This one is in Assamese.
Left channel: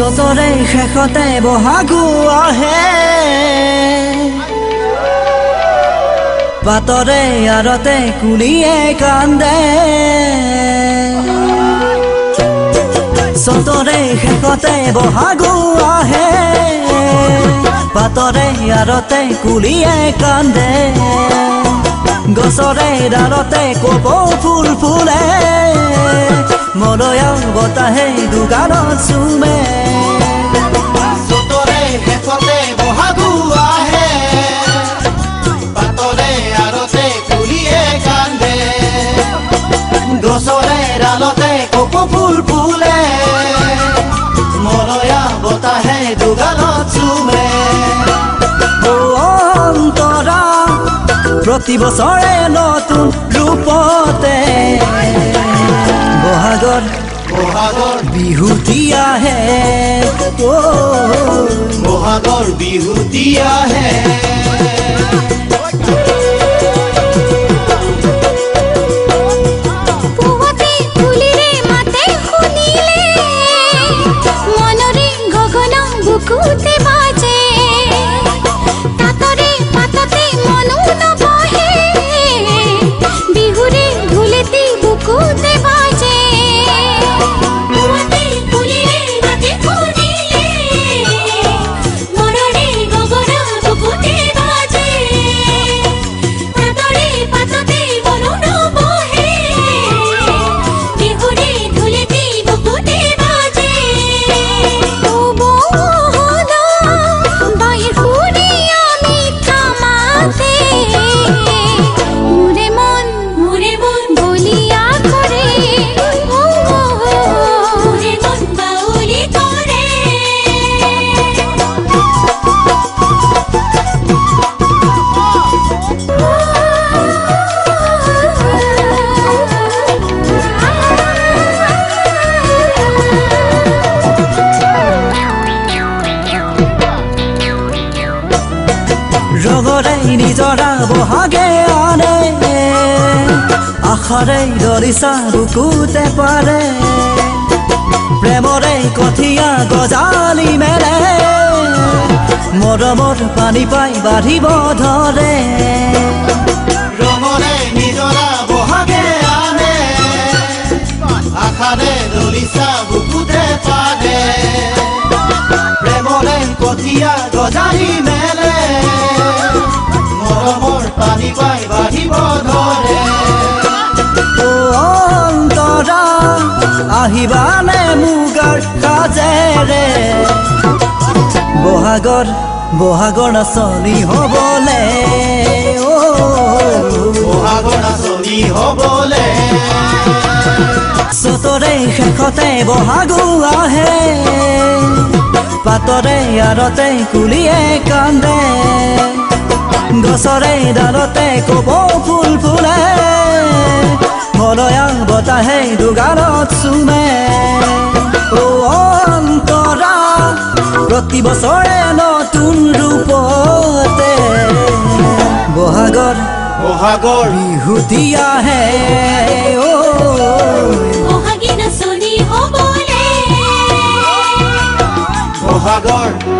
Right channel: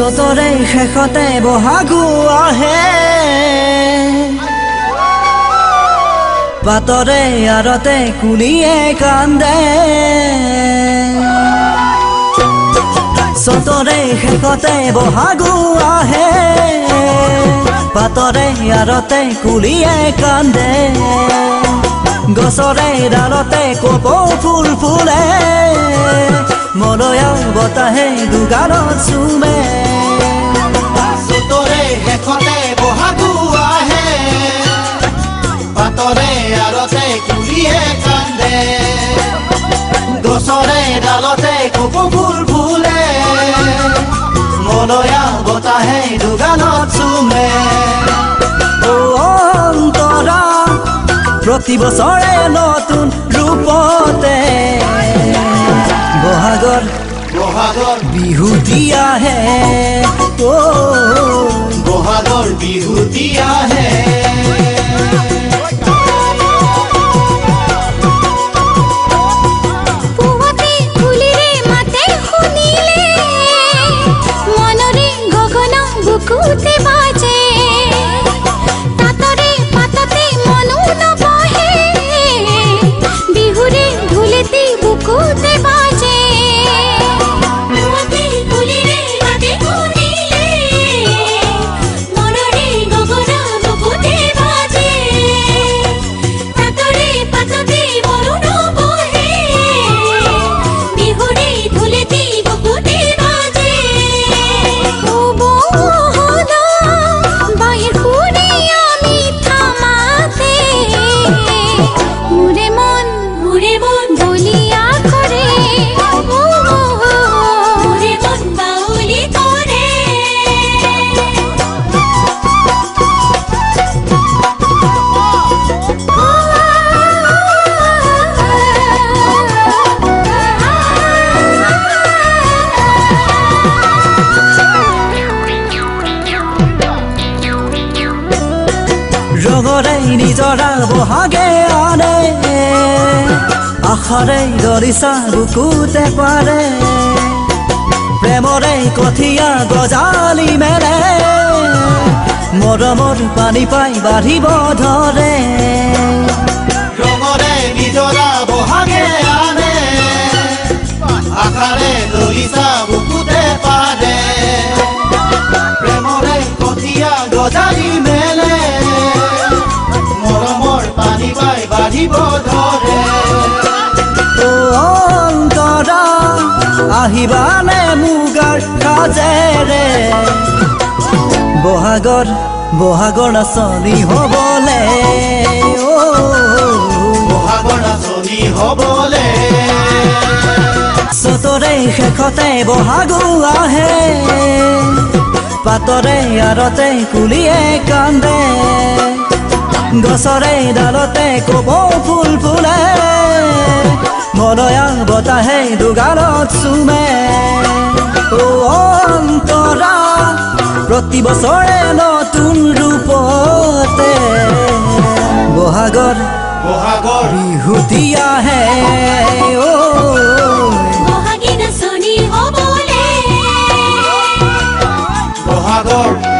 চতৰে শেষতে বহাগু আহে পাতৰে আৰতে কুলিয়ে কান্দে চতৰে শেষতে বহাগু আহে পাতৰে আৰতে কুলিয়ে কান্দে গছৰে ডালতে কপৌ ফুল ফুলে মলয়া বতাহে দুগালত চুমে চতৰে শেষতে বহাগু আহে পাতৰে আৰতে কুলিয়ে কান্দে গছৰে ডালতে কপৌ ফুল ফুলে মলয়া বতাহে দুগালত চুমে অন্তৰা প্ৰতি বছৰে নতুন ৰূপতে বহাগৰ বিহুতি আহে বহাগৰ বিহুতি আহে পুৱাতে কুলিৰে মাতে শুনিলে মনৰে গগন বুকুতে বাজে তাতৰে পাততে মনো নবহে বিহুৰে ঢোলেতে বুকুতে বাজে পুৱাতে কুলিৰে মাতে শুনিলে মনৰে গগন বুকুতে বাজে তাতৰে পাততে মনো নবহে বিহুৰে ঢোলেতে বুকুতে বাজে ও বহন বাহিৰ ফুৰি আমি থামাতে মোৰে মন বলিয়া কৰে মোৰে মন বাউলি কৰে ৰঙৰে নিজৰা বহাগে আনে আশাৰে দৰিচা বুকুতে পাৰে প্ৰেমৰে কঠীয়া গজালি মেলে মৰমৰ পানী পাই বাঢ়িব ধৰে ৰঙৰে নিজৰা বহাগে আনে আশাৰে দৰিচা বুকুতে পাৰে প্ৰেমৰে কঠীয়া গজালি মেলে মৰমৰ পানী পাই বাঢ়িব ধৰে অন্তৰা আহিবানে মুগাৰ সাজেৰে বহাগৰ নাচনি হ'বলে বহাগৰ নাচনি হ'বলে চতৰে শেষতে বহাগু আহে পাতৰে আৰতে কুলিয়ে কান্দে গছৰে ডালতে কপৌ ফুল ফুলে মলয়া বতাহে দুগালত চুমে অন্তৰা প্ৰতি বছৰে নতুন ৰূপতে বহাগৰ বিহুতি আহে বহাগী নাচনি হ'বলে বহাগৰ